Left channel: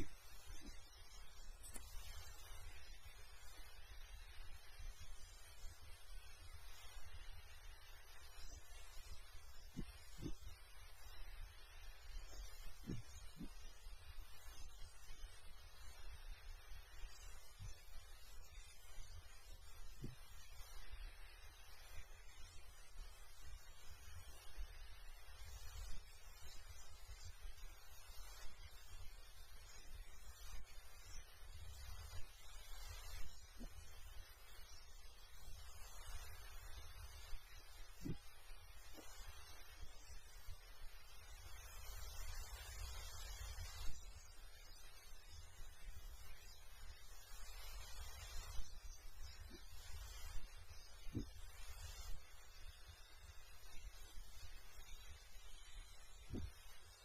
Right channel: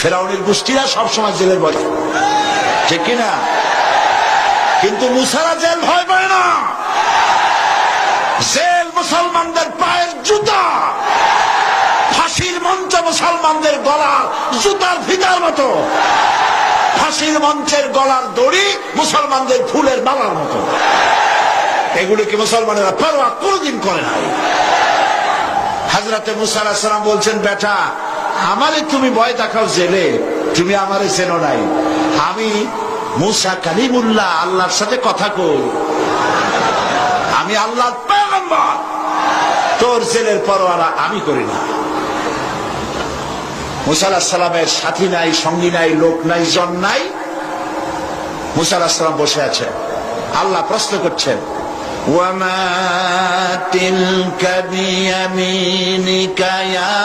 ফেরাউনের গোষ্ঠীরা সবসময় জেলের ভয়, ঠিক কিনা? কিন্তু মুসারা জেল ভয় পায় না। জেল মুসলমানদের পায়ের জুতা, ফাঁসির মঞ্চ মুসলমানদের গলার জুতার ফিতার মতো, ফাঁসির মঞ্চের গলার দড়ি মুসলমানদের ফুলের মালার মতো। এগুলিকে মুসলমানেরা পরোয়া কোনদিন করে নাই। হযরতে মুসা আলাইহিস সালাম বলছেন, বেটা আমারে তুমি ভয় দেখাও জেলে, তুমি আমারে চেনো নাই। আমি মুসা কালিমুল্লাহ, আল্লাহর সাথে কথা কই, আমি আল্লাহর পয়গম্বর। তোর জেলের পরোয়া আমি করি না। মুসা আলাইহিস সালামের সাথী নাই, সঙ্গী নাই, লোক নাই, জন নাই। মুসা আলাইহিস সালাম বসে আছেন। আল্লাহ প্রশ্ন করছেন, ওয়ামা তিলকা বিয়ামিনিকা ইয়া